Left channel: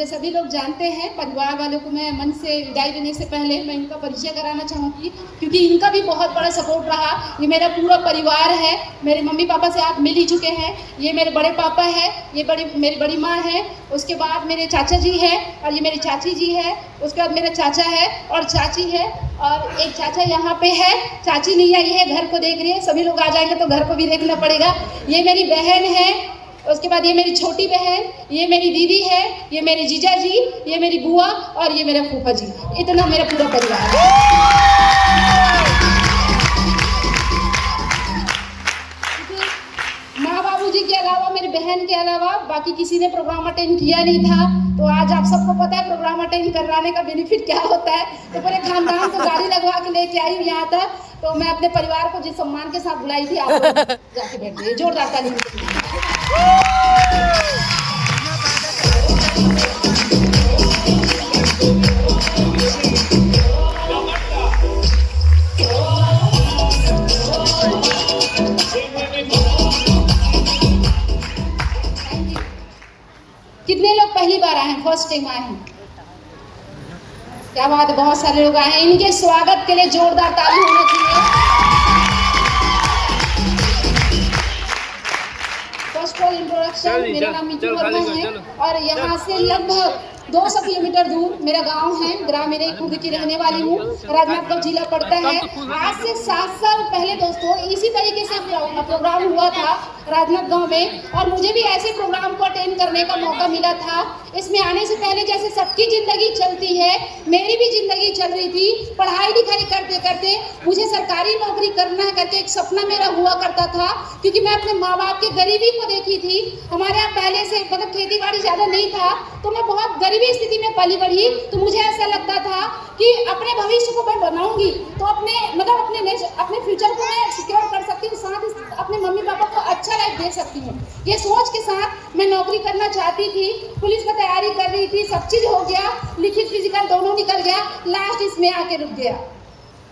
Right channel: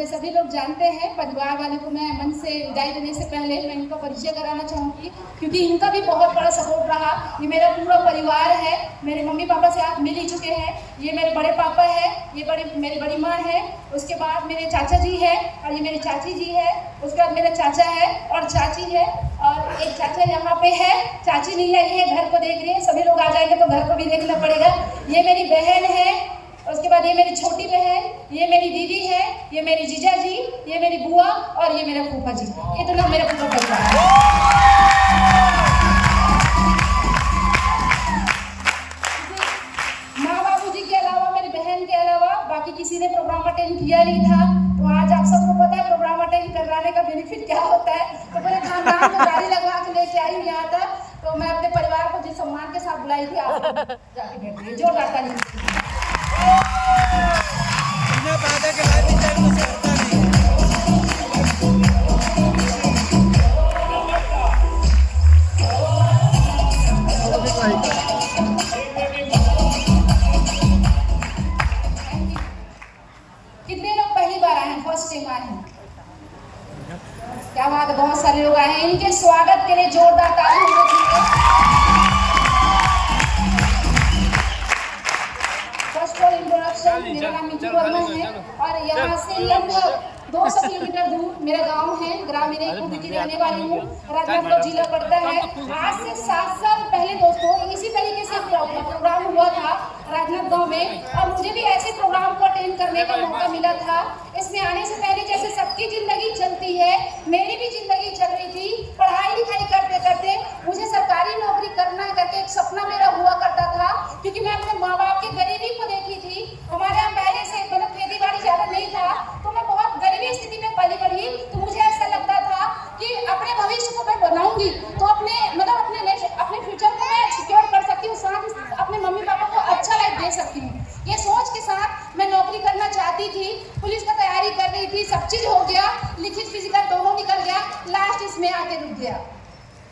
मुझे सभी लोग जानते हैं। परिवार वालों को मैं मन से विदाई देने से पहले मैं इनका परिचय कराना चाहूँगी, क्योंकि इनका भी बहुत बड़ा सपोर्ट रहा। ये मेरा पूरा परिवार है। मेरे मम्मी पापा से आप मिल ही चुके हैं। ये मेरे बड़े पापा है, ये मेरी बड़ी माँ है, उसके बाद मेरे चाचा जी है, और ये मेरी चाची जी है, उसके बाद मेरा चाचा है और चाची है, और एक चाचा यहाँ पे है, चाची नहीं आई है, घर को देख रही है। सभी लोग आ जाएंगे तो घर को भी देखना पड़ेगा। ये मेरी बहन है, उसके बाद ये मेरी छोटी बहन, ये मेरी दीदी है, ये मेरे जीजा जी, ये मेरी बुआ और ये मेरा फूफा जी। इतना मेरा पूरा परिवार है। माँ बाबू जी के अलावा, मेरी बहन के अलावा बाकी किसी ने प्रोग्राम अटेंड किया नहीं था। तो आज आप सबको पता है प्रोग्राम अटेंड करवाने का बेनिफिट क्या होता है। तो पूरे खानदान को गाड़ी लगवा के लेके आई हूँ यहाँ तक। तो मैं अपने परिवार को जिस सम्मान के साथ बुलाई थी, आप लोग जाके बैठिए। जोरदार ताली। कितने लोग पहली बार आए हैं, फर्स्ट टाइम आए हैं? क्या बात है, बहुत सारे लोग आए हैं। इनके स्वागत के लिए जोरदार ताली होना चाहिए। फर्स्ट ऑल इंट्रोडक्शन, मेरा नाम मीतू वर्मा है और यहाँ से लगभग 200 किलोमीटर दूर मेरा गांव है। ग्राम मेरे खुद की रहने वाली हूँ। राजनांदगांव जिला पड़ता है। आज से 7 साल पहले दोस्तों इसी तरीके से प्रोग्राम हुआ था राजनांदगांव में, और मुझे भी ऐसे प्रोग्राम को अटेंड करने का मौका मिला था। इसमें आने से पहले जैसे सबकी जिंदगी चलती है, मेरी भी जिंदगी चल रही थी। पढ़ाई लिखाई करते करते मुझे सरकारी नौकरी करना है करके एक सपना मेरा हुआ करता था, क्योंकि मैं अपने माँ बाप की गरीबी को देखी थी। हमारे यहाँ पहले से मतलब खेती बाड़ी ज्यादा नहीं था, तो मैं बहुत गरीबी स्थिति में पली बढ़ी। तो मुझे ऐसा लगता था कि अपने भविष्य को मैं बनाऊंगी तो अपने फ्यूचर को मैं सिक्योर कर सकती हूँ, साथ अपने मम्मी पापा को अच्छा लाइफ दे सकती हूँ। ये सोच के साथ मैं नौकरी करना चाहती थी। पुलिस का तैयारी कर रही थी, सब चीज हो गया, लिखित फिजिकल दोनों निकल गया, लास्ट इसमें आके रुक गया।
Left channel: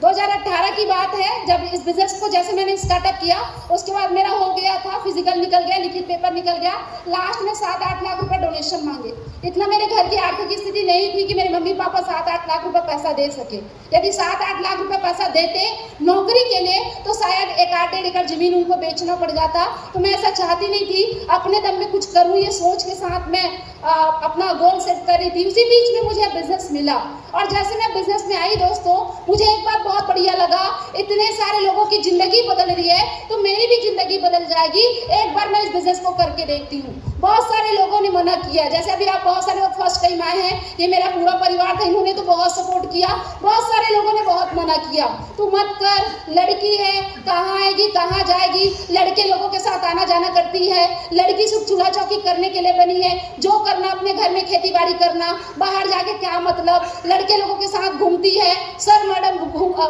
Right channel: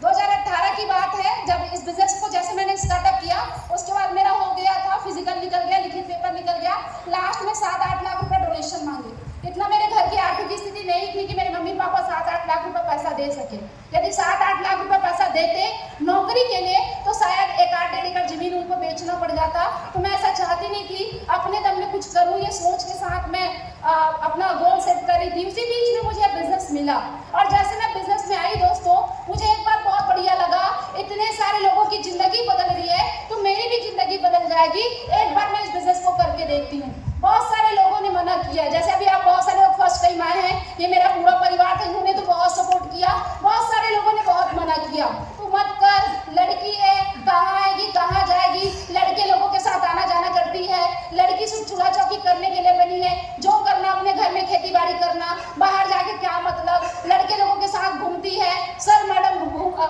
2018 की बात है, जब इस बिजनेस को जैसे मैंने स्टार्टअप किया, उसके बाद मेरा हो गया था, फिजिकल निकल गया, लिखित पेपर निकल गया, लास्ट में 7-8 लाख रुपए डोनेशन मांगे। इतना मेरे घर की आर्थिक स्थिति नहीं थी कि मेरे मम्मी पापा 7-8 लाख रुपए पैसा दे सके। यदि 7-8 लाख रुपए पैसा देते नौकरी के लिए तो शायद 1-1.5 एकड़ जमीन उनको बेचना पड़ जाता। तो मैं ऐसा चाहती नहीं थी, अपने दम में कुछ करूँ ये सोच के साथ मैं अपना गोल सेट कर रही थी। उसी बीच में मुझे बिजनेस मिला, और जैसे मैं बिजनेस में आई दोस्तों, मुझे एक बात बहुत बढ़िया लगा, इतने सारे लोगों की जिंदगी बदल रही है तो मेरी भी जिंदगी बदल जाएगी। एक बार मैं इस बिजनेस को करके देखती हूँ। बहुत सारे लोगों ने मना किया, जैसे अभी आप बहुत सारे लोग फर्स्ट टाइम आए हैं, ये मेरा पूरा परिवार था, इन्होंने तो बहुत सपोर्ट किया। बहुत सारे लोगों ने बहुत मना किया, तू मत कर, लड़की है, कहाँ आएगी कहाँ जाएगी, लड़के लोगों के साथ आना जाना करती है, लड़की सिर्फ चूल्हा चौकी करने के लिए बनी है, जो करना अपने घर में खेती बाड़ी करना, बाहर जाके क्या मतलब, लड़के लोगों के साथ घूमती है, सर मैडम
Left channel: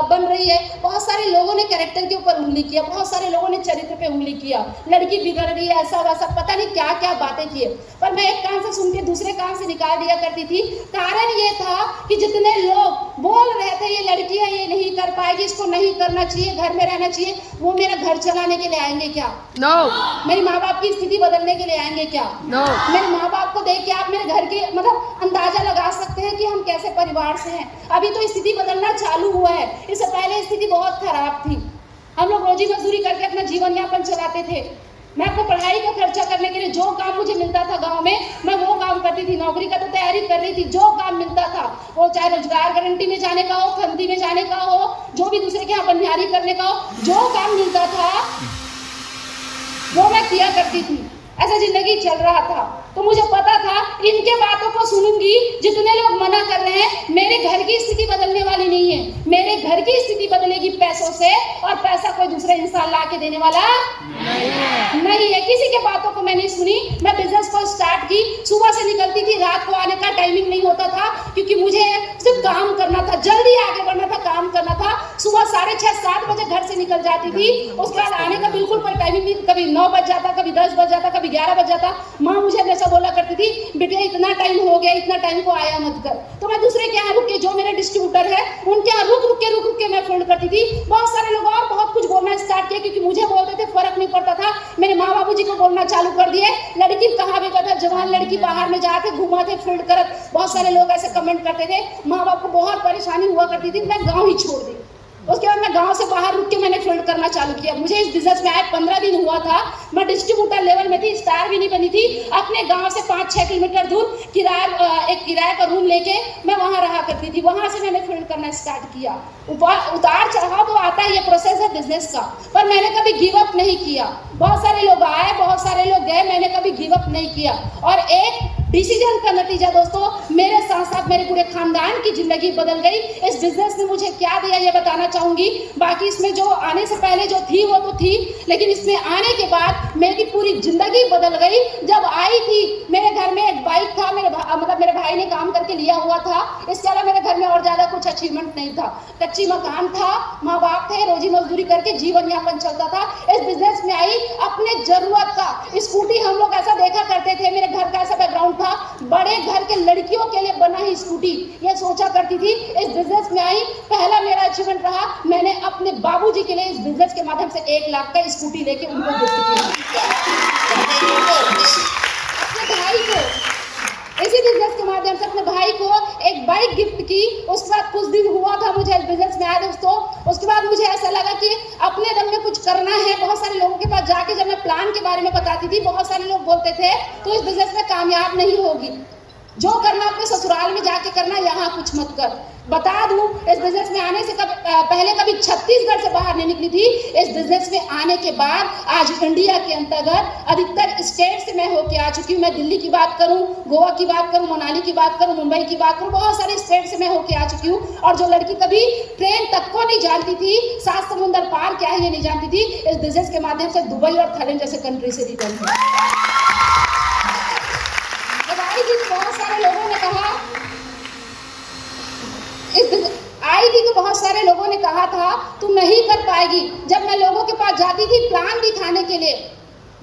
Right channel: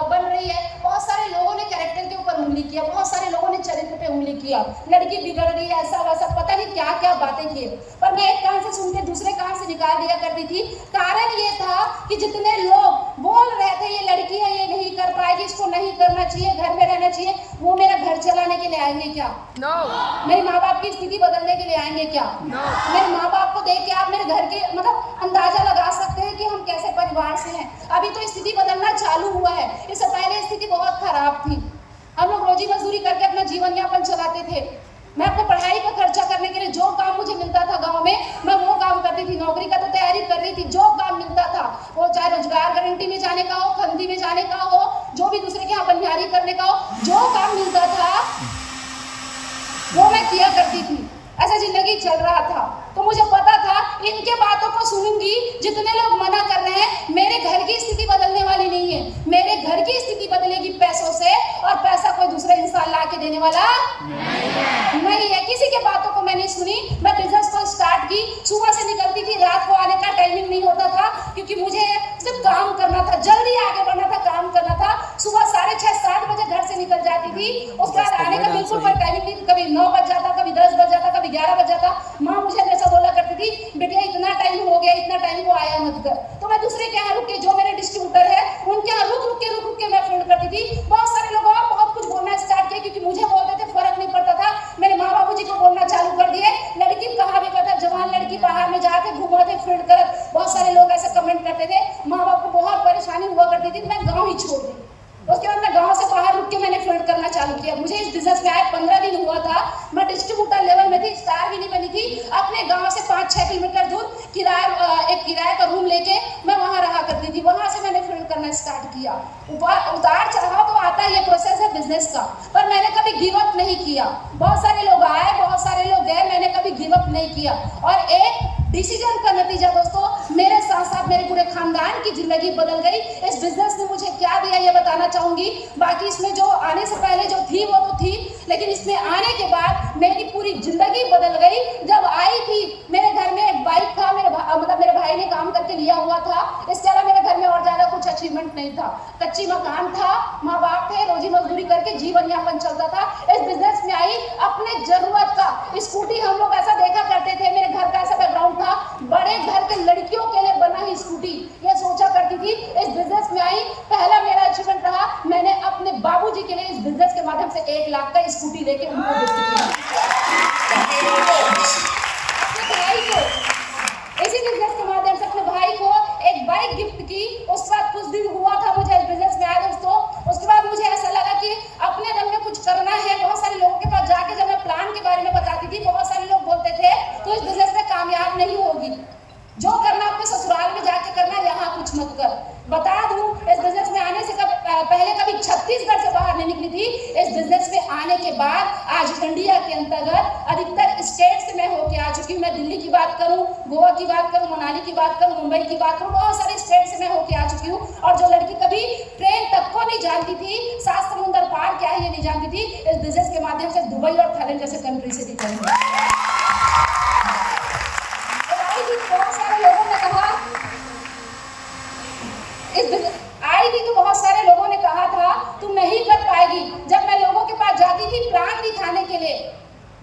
बन रही है। बहुत सारे लोगों ने कैरेक्टर के ऊपर उंगली किया, बहुत सारे लोगों ने चरित्र पे उंगली किया, लड़की बिगड़ रही है, ऐसा वैसा पता नहीं क्या क्या बातें किए। पर मैं एक कान से सुन के दूसरे कान से निकाल दिया करती थी। कारण ये था कि जितने लोग बोल रहे थे ये लड़की है, ये नहीं कर पाएगी, इसको नहीं करना चाहिए, घर में रहना चाहिए, वो मेरा घर चलाने के लिए आएंगे क्या? नो। मेरे माँ बाप की स्थिति बदलने के लिए आएंगे क्या? नो। मेरे माँ बाप को देख के आप मेरे घर की मतलब अंदाजा लगा सकते हैं कि हम कैसे परिवार से हैं। अभी तो स्थिति बदलना चालू हुआ है, इससे पहले स्थिति बहुत खराब थी। हम लोग रोजी मजदूरी करके अपना जीवन यापन चलाते थे। मैं अपने पढ़ाई का खर्चा करने के लिए जो काम मुझे मिलता था गांव में, मैं वो काम करती थी। नौकरी का तो तैयारी कर रही थी, जो काम मिलता था, वो चाहे रोजगार गारंटी में जाने का हो, फंदी में जाने का हो, जो भी दूसरे के यहाँ बनियारी करने का हो, जो काम मिलता था वो मैं किया करती थी। ऐसा जिंदगी चल रहा था। तो मुझे पता था इनके बातों को सुनूंगी, जितने लोग मना कर रहे हैं, मेरे घर की स्थिति बदलने वाली नहीं है। मेरे घर की स्थिति बदलेगी पैसों से, और पैसा कोई दूसरा इंसान ला के देने वाला नहीं है। किसी के बातों को मैं नहीं सुनी। मैं बिजनेस को स्टार्ट की, सुबह से निकलती थी, रात को आने का टाइमिंग नहीं होता था, क्योंकि मुझे सिर्फ काम करना था, जल्दी आगे बढ़ना था, काम करना था। सुबह 6:30-7 बजे घर से निकल जाती थी, उसके बाद आने का बिल्कुल कोई टाइमिंग नहीं। कभी 9 बज जाता, कभी 10 बज जाता, कभी 11 बज जाता। माँ मुझे हमेशा बोला करती थी, बेटा इतना टाइम हो गया, इतना टाइम को आया मत कर। तो मैं दूसरे के यहाँ रुक के, जो मेरे डिस्ट्रीब्यूटर है उनके यहाँ रुक रुक के मैं फोन करती थी। बहुत सारे लोग और बहुत कुछ बोलना स्टार्ट किया, क्योंकि मुझे बोलते थे, फर्क नहीं पड़ता था। मेरे माँ बाबू जी को बोलना चालू कर दिए। लड़की कहाँ भी बैठा, जवान लड़की बाहर में जाके घुमाते फील्ड करत, बहुत सारे लोग ऐसे कमेंट करते थे। माँ बाप को बहुत परेशानी हुआ करती थी, मैं गाँव ही छोड़ दी। उसके बाद मैं गांव से बाहर रुक के मैंने फील्ड करना चालू किया। मुझे इस बिजनेस में आए 15 दिन हुआ था। मैं डिस्ट्रीब्यूटर लेवल में थी, स्टार भी नहीं बनी थी। अपने गांव से 5-6 किलोमीटर दूर एक किराए का रूम लेके मैं वहां रहा करती थी। वहां से मैंने फील्ड करना स्टार्ट किया। उतार चढ़ाव तो आता है, ये प्रोसेस है बिजनेस का, पर मैंने कभी गिव अप नहीं किया। बहुत सारे लोग आए, बहुत सारे लोग गए, मैंने कभी गिव अप नहीं किया। और एक डिसीजन का नतीजा दोस्तों, मेरे साथ साथ मेरे पूरे खानदान की जिंदगी बदल गई। इस बिजनेस ने मुझे क्या दिया ये बताना चाहूंगी। बाकी इसमें जो आने से पहले जो थी वो तो थी, लेकिन इसमें आने के बाद मेरी पूरी जिंदगी बदल गई। जब आई थी मेरे घर में एक बाइक था, मेरे भाई ने काम करके लिया हुआ था। इसके अलावा मेरे घर में और ज्यादा कुछ अचीवमेंट नहीं था। कच्ची मकान था, माँ बाप थे, रोजी मजदूरी करके जीवन यापन चलता था। इस बिजनेस में आई अपने जरूरत का स्कूटी। हम लोग ऐसा देखा करते थे, मेरे घर का ऐसा बैकग्राउंड था, बड़े घर के लड़कियों के लिए बना ही स्कूटी, ये सोचा करती थी। इस बिजनेस में आई, पहला मेरा अचीवमेंट रहा, मैंने अपने बाबूजी के लिए इस बिजनेस के माध्यम से 1 लाख का स्कूटी लेके उनको गिफ्ट किया। अपने भाई को इसी बिजनेस के माध्यम से अपने भाई को एक बाइक गिफ्ट की। उसके बाद कुछ दिन हुआ था मुझे इस बिजनेस में आया दोस्तों। उसके बाद मुझे ऐसा लगा कि अपने दम में कुछ करना है। बहुत सारे लोगों के पास जाके जब मैं प्लान के बारे में बताती थी, बहुत सारे लोग बोलते थे तो इस बिजनेस में कामयाब नहीं होगी, जो करना अपने ससुराल में जाके करना, यहाँ कुछ मत कर। बता दूं, इस बिजनेस में आने से पहले कभी छत्तीसगढ़ से बाहर नहीं निकली थी। इस बिजनेस में आने के बाद आज इंडिया के अंतर्गत अधिकतर स्टेट से मैं होके आ चुकी हूँ। मैं दिल्ली की बात करूं, गोवा की बात करूं, मनाली की बात करूं, मुंबई की बात करूं, बहुत सारे स्टेट से मैं होके आ चुकी हूँ। और जो लड़की कभी ट्रेन तक को नहीं जानती थी, 7 समुंदर पार क्या है ये नहीं जानती थी, इस बिजनेस के माध्यम से दुबई और थाईलैंड जैसे कंट्री से निकली। बहुत सारे लोगों ने कहा आई थी तो बहुत सारे लोगों ने कहा था तुम नहीं कर पाएगी। जब मैं लोगों के पास जाती थी प्लान दिखाने के लिए,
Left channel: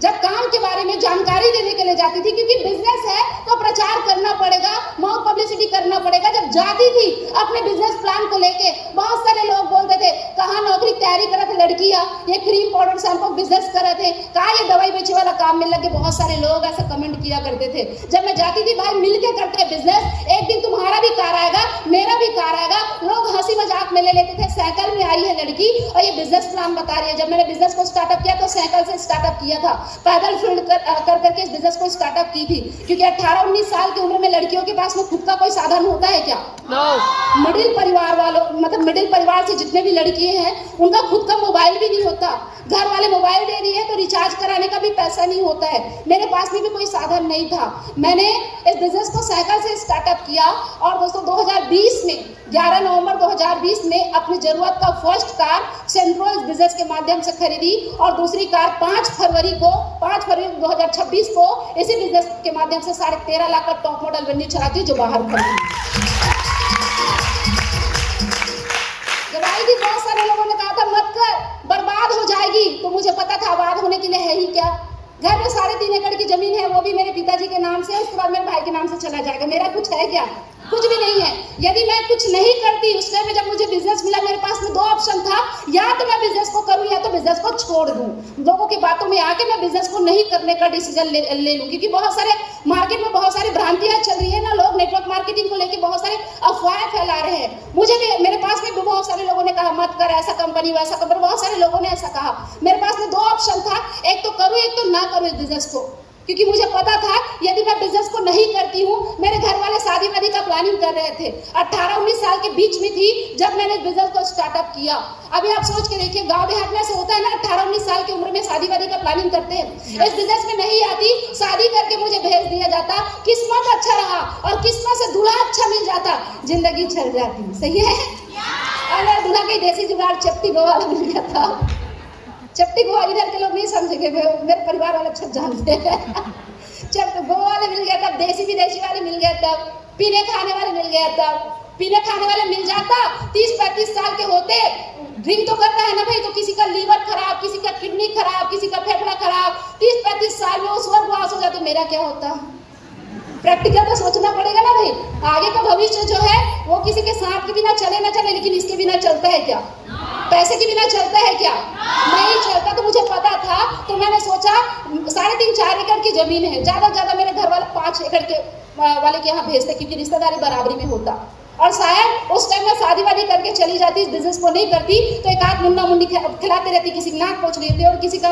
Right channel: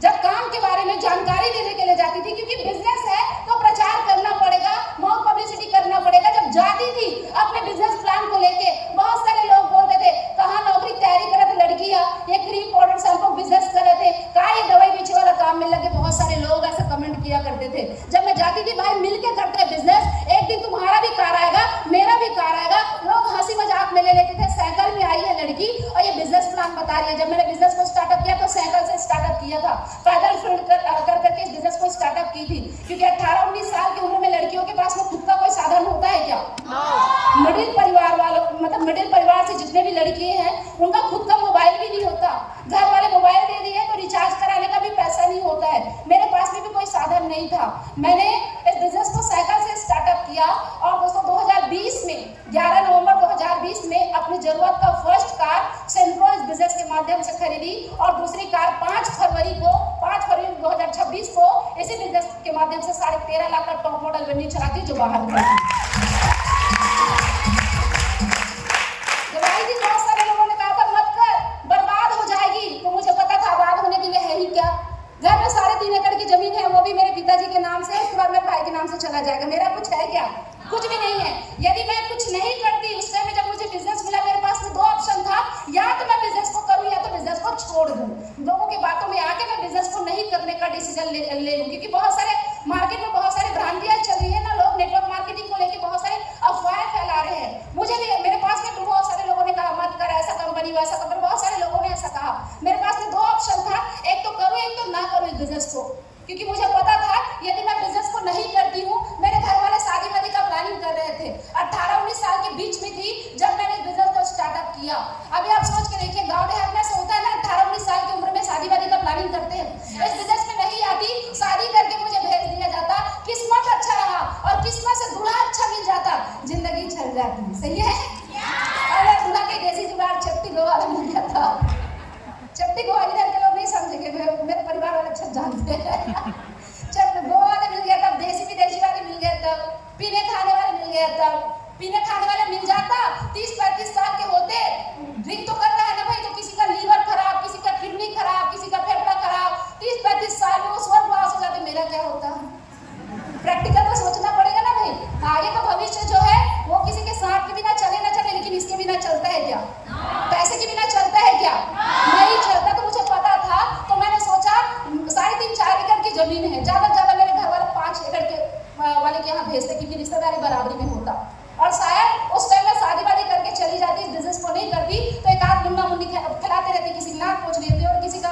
जब काम के बारे में जानकारी देने के लिए जाती थी, क्योंकि बिजनेस है तो प्रचार करना पड़ेगा, माउथ पब्लिसिटी करना पड़ेगा। जब जाती थी अपने बिजनेस प्लान को लेके, बहुत सारे लोग बोलते थे कहाँ नौकरी तैयारी करे थे लड़कियां, ये क्रीम पाउडर शैम्पू बिजनेस कर रहे थे, कहाँ ये दवाई बेचे वाला काम मिल लगे। बहुत सारे लोग ऐसे कमेंट किया करते थे। जब मैं जाती थी भाई मिलके करते हैं बिजनेस, एक दिन तुम्हारा भी कार आएगा, मेरा भी कार आएगा। लोग हंसी मजाक में ले लेते थे। साइकिल में आई है लड़की और ये बिजनेस प्लान बता रही है। जब मैंने बिजनेस को स्टार्टअप किया तो साइकिल से स्टार्टअप किया था, पैदल फील्ड कर करके इस बिजनेस को स्टार्टअप की थी। क्योंकि 18-19 साल की उम्र में लड़कियों के पास में खुद का कोई साधन होता है क्या? मिडिल परिवार वालों, मतलब मिडिल परिवार से जितने भी लड़की हैं उनका खुद का मोबाइल भी नहीं होता। घर वाले मोबाइल दे दिए तो रिचार्ज कराने का भी पैसा नहीं होता है। मेरे पास में भी कोई साधन नहीं था। मैंने इस बिजनेस को साइकिल से स्टार्टअप किया और दोस्तों 2020 में 11 नवंबर 2020 में अपनी जरूरत का फर्स्ट कार सेंट्रो इस बिजनेस के माध्यम से खरीदी और दूसरी कार 5 फरवरी 2026 को इसी बिजनेस के माध्यम से 13.5 लाख का टॉप मॉडल वेन्यू चलाती जो बाहर बहुत सारे लोगों ने कहा था मत कर, बर्बाद हो जाएगी। तो मुझे पता था आबाद होने के लिए है ही क्या। घर में 3.5 एकड़ की जमीन है, वो भी मेरे पिताजी के नाम से, उसके बाद मेरे भाई के नाम से चला जाएगा। मेरा कुछ है क्या? कुछ भी नहीं है। यदि मैं कुछ नहीं करती, उस टाइम में जब मुझे बिजनेस मिला मेरे पास में 2 ऑप्शन था, या तो मैं बिजनेस को करूं या तो बिजनेस को छोड़ दूं। लोगों की बातों में आके मैं बिजनेस को नहीं करने का डिसीजन ले लूं, क्योंकि बहुत सारे मार्केट में बहुत सारी भ्रांतियां चल रही है ना। लोग नेटवर्क मार्केटिंग को लेकर बहुत सारे अफवाहें फैला रहे हैं। मुझे भी, मेरे पास में बहुत सारे लोगों ने कहा मत कर, ऐसा कंपनी वैसा कंपनी, बहुत सारे लोगों ने ऐसा कहा। मेरे पास में 2 ऑप्शन था, एक तो करूं एक तो ना करूं इस बिजनेस को, क्योंकि मुझे पता था यदि मैं बिजनेस को नहीं करती हूँ। मेरे घर वाले शादी वादी का प्लानिंग कर रहे थे। 18-19 साल के बीच में थी जब मैंने बिजनेस को स्टार्टअप किया। अभी आप सोच के देखिए, गांव देहात में ऐसा होता है ना, 18-19 साल की उम्र में शादी वादी का प्लानिंग करते हैं। इस बिजनेस में नहीं आती, शादी करके मुझे भेज दिया जाता। किस्मत अच्छा रहा और किस्मत से दूल्हा अच्छा मिल जाता, जिंदगी चल जाती। सही है? अगर दूल्हा की देसी जुगाड़ चपटी गोवा मिल गया था। चपटी गोवा इधर के लोग नहीं समझेंगे, मेरे परिवार वाले सब जानते हैं। जब गोवा वाले मिल गया तब, देसी विदेशी वाले मिल गए तब, पीने खाने वाले मिल गए तब। पीने खाने वाले मिल जाता 30-35 साल के होते, ड्रिंक तो करता है ना भाई, तो किसी का लीवर खराब, किसी का किडनी खराब, किसी का फेफड़ा खराब, 30-35 साल में उस वक्त पास हो जाते। मेरा क्या होता? प्रैक्टिकल तो सोचना पड़ेगा ना भाई। आगे का भविष्य जो है वो किसी के साथ के बिना चले ना चले, लेकिन इसके बिना चलता है क्या? पैसे के बिना चलता है क्या? नहीं चलता। तो मुझे पता था, तो मैंने सोचा 3.5-4 एकड़ जमीन है, ज्यादा से ज्यादा मेरे घर वाले 5 एकड़ के वाले के यहाँ भेजते, क्योंकि रिश्तेदारी बराबरी में होता। और शायद उस टाइम में शादी वादी करके चली जाती, इस बिजनेस को नहीं करती तो एक आध मुन्ना मुन्नी खिलाते रहती, किसी की नाक पोंछ लेती और किसी का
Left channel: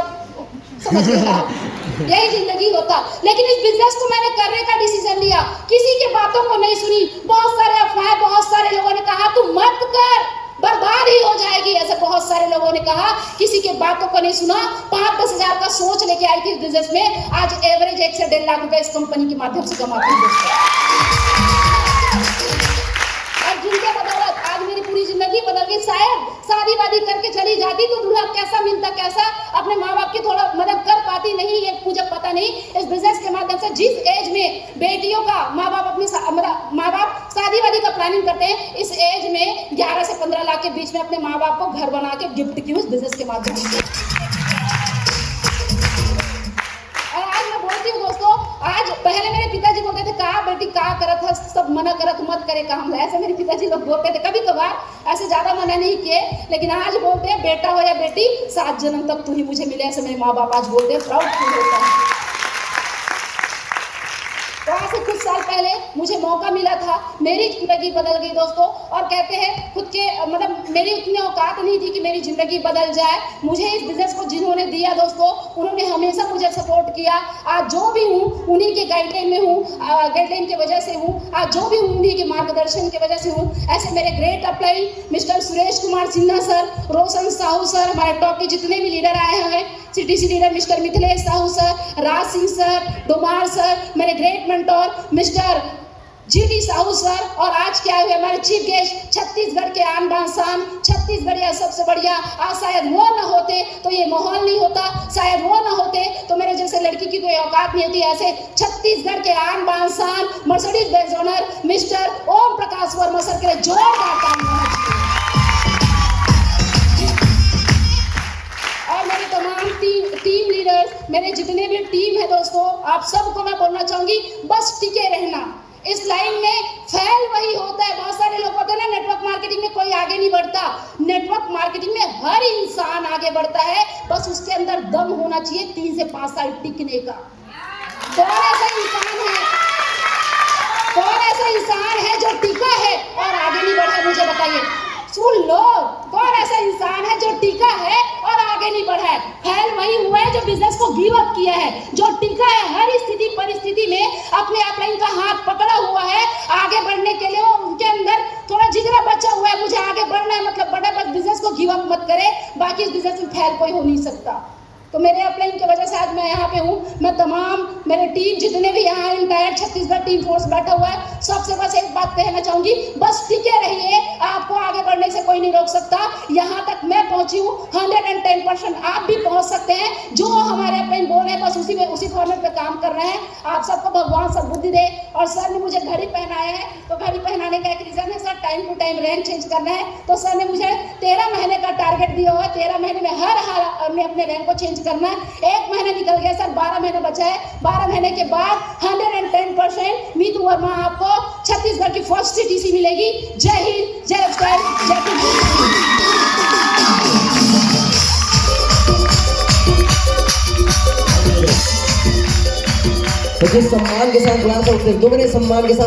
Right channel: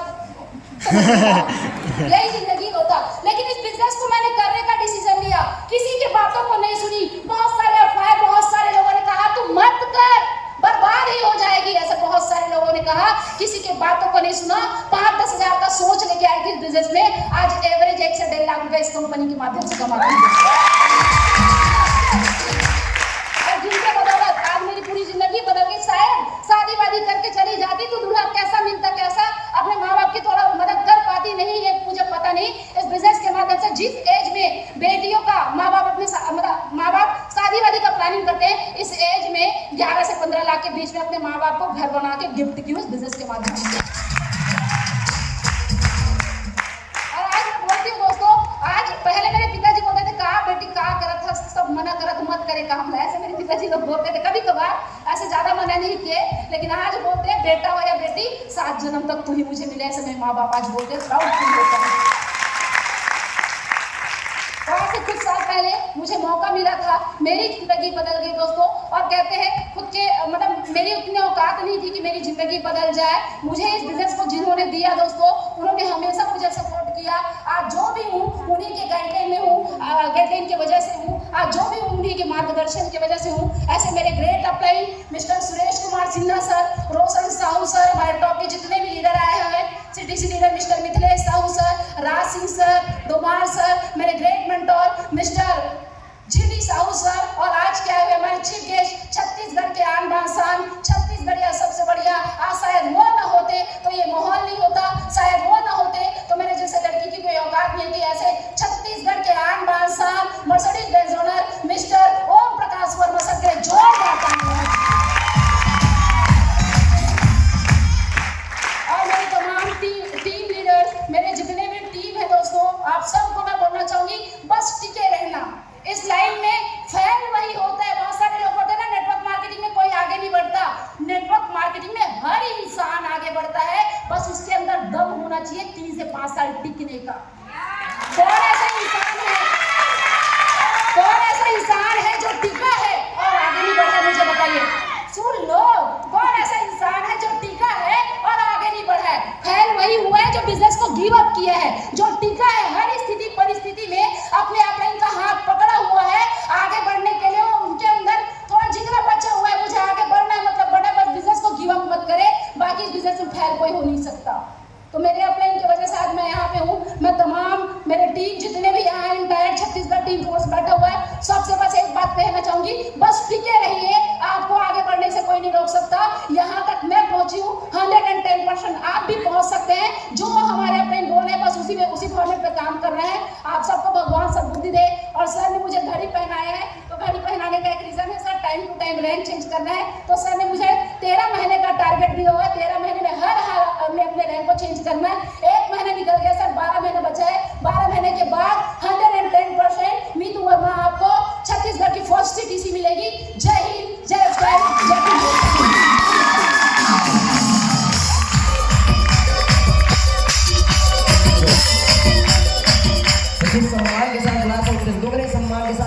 यही जिंदगी होता। लेकिन इस बिजनेस को मैंने करने का डिसीजन लिया, किसी की बातों को नहीं सुनी। बहुत सारे अफवाह, बहुत सारे लोगों ने कहा तू मत कर, बर्बाद ही हो जाएगी, ऐसे बहुत सारे लोगों ने कहा। किसी के बातों को नहीं सुना, 5-10 हजार का सोच लेके आई थी बिजनेस में। आज एवरेज 1 से 1.5 लाख रुपए इस कंपनी के माध्यम से कमाती हूँ। जिनके बदौलत आज मेरी पूरी जिंदगी बदल गई। शायद शादी वादी करके चली जाती तो दूल्हा कैसा मिलता, कैसा अपने माँ बाप की थोड़ा मदद कर पाती, नहीं ये मुझे पता नहीं। इस बिजनेस के माध्यम से जिस एज में बेटियों का माँ बाप माँ बाप शादी वादी का प्लानिंग करते हैं, इस एज में 11 से 15 लाख के बीच में अपने माँ बाप को घर बना के गिफ्ट की इस बिजनेस के माध्यम से। और आज मैं बोलती हूँ दोस्तों, आज पहले मेरे पिताजी बोलते थे कहा बेटी कहा करत है, सब मना करत मत करे काम, ऐसे मेरे पिताजी लोग बोलते थे। कभी कभार ऐसे ज्यादा मना नहीं किए, लेकिन आज बोलते हैं बेटा हो या बेटी 7 जन्म तक तू ही मुझे मिले, ऐसे मेरे माँ बाप आज बोलते हैं, प्राउड फील होता है। तो आज से कुछ साल पहले मुझे मौका मिला था, मेरी जिंदगी बदल गई दोस्तों। और कहते हैं खुद के मतलब मेरी उतनी औकात नहीं थी कि मेरी जिंदगी बदल जाए। मुझे इस बिजनेस को जिन्होंने दिया दोस्तों, उन्होंने हमेशा मुझे सपोर्ट किया। आज जो भी हूँ उन्हीं के गाइडलाइन में हूँ, गाइडलाइन की वजह से हूँ। आज जो भी हूँ उन्हीं के मार्गदर्शन की वजह से हूँ। ऐसे मेरे great upline mister Suresh Kumar Sinha sir, Roshan Sahu sir, हमारे टॉप के जितने भी लीडर आए हैं, CTC leader mister Mithilesh Sahu sir, Raj Singh sir, Domar sir, मेरे great mentor mister GD Sahu sir, और आज क्या हुए हमारे चीफ गेस्ट छत्तीसगढ़ के आन बान शान, छत्तीसगढ़िया सबसे बढ़िया। आज शायद वो न होते तो ये माहौल नहीं होता, शायद वो न होते तो मेरे जैसे लड़की की कोई औकात नहीं होती। ऐसे छत्तीसगढ़ के आन बान शान Mercedes Benz owner mister Om Prakash Verma sir के जोरदार तालियां। और मेरे तमाम टीम लीडर्स, मेरे जितने भी टीम है दोस्तों, आप सबको मैं बोलना चाहूंगी बस टिके रहना। इस लाइन में फैल वही होता है। बहुत सारे लोग होते हैं ना, नेटवर्क मार्केटिंग में कोई आगे नहीं बढ़ता। नेटवर्क मार्केटिंग में हर इंसान आगे बढ़ता है, बस उसके अंदर दम होना चाहिए 3 से 5 साल टिकने का। कौन ऐसा इंसान है जो टिका है और आगे नहीं बढ़ा, मुझे बताइए। सुन लो, कौन ऐसा इंसान है जो टिका है और आगे नहीं बढ़ा है? फैल वही हुआ है जो बिजनेस को गिव अप किया है, जो टिका है हर स्थिति परिस्थिति में अपने अपलाइन का हाथ पकड़ा हुआ है। आगे बढ़ने के लिए उनके अंदर थोड़ा जिगरा बचा हुआ है, मुझे आगे बढ़ना है, मतलब बड़ा बस बिजनेस को गिव अप मत करे, बाकी इस बिजनेस में फैल कोई हो नहीं सकता। तो मेरे अपलाइन की वजह से आज मैं यहाँ पे हूँ। मैं तमाम मेरे टीम जितने भी यहाँ इंटायर छत्तीसगढ़ टीम फोर्स बैठा हुआ है, सबसे बस एक बात कहना चाहूंगी, बस टिके रहिए, आपको आगे बढ़ने से कोई नहीं रोक सकता। यहाँ तक मैं पहुंची हूँ, 110% आप भी पहुंच सकते हैं। जो हमारे अपलाइन बोल रहे हैं बस उसी फॉर्मेट पे काम कर रहे हैं। आप सबको भगवान सद्बुद्धि दे। और सर ने मुझे घड़ी पहनाया है, तो घड़ी पहनाने का एक रीजन है sir, time to time rank change करना है। तो सर ने मुझे 13 महीने का टारगेट दिया हुआ है, 13 महीने में हर हाल में अपने रैंक को चेंज करना है। 1 महीना निकल गया सर, 12 महीने बचा है। 12 महीने के बाद 110% मीतू वर्मा आपको छत्तीसगढ़ की फर्स्ट CTC मिलेगी। जय हिंद, जय उत्कल, जय सम्मान के साथ सम्मान के साथ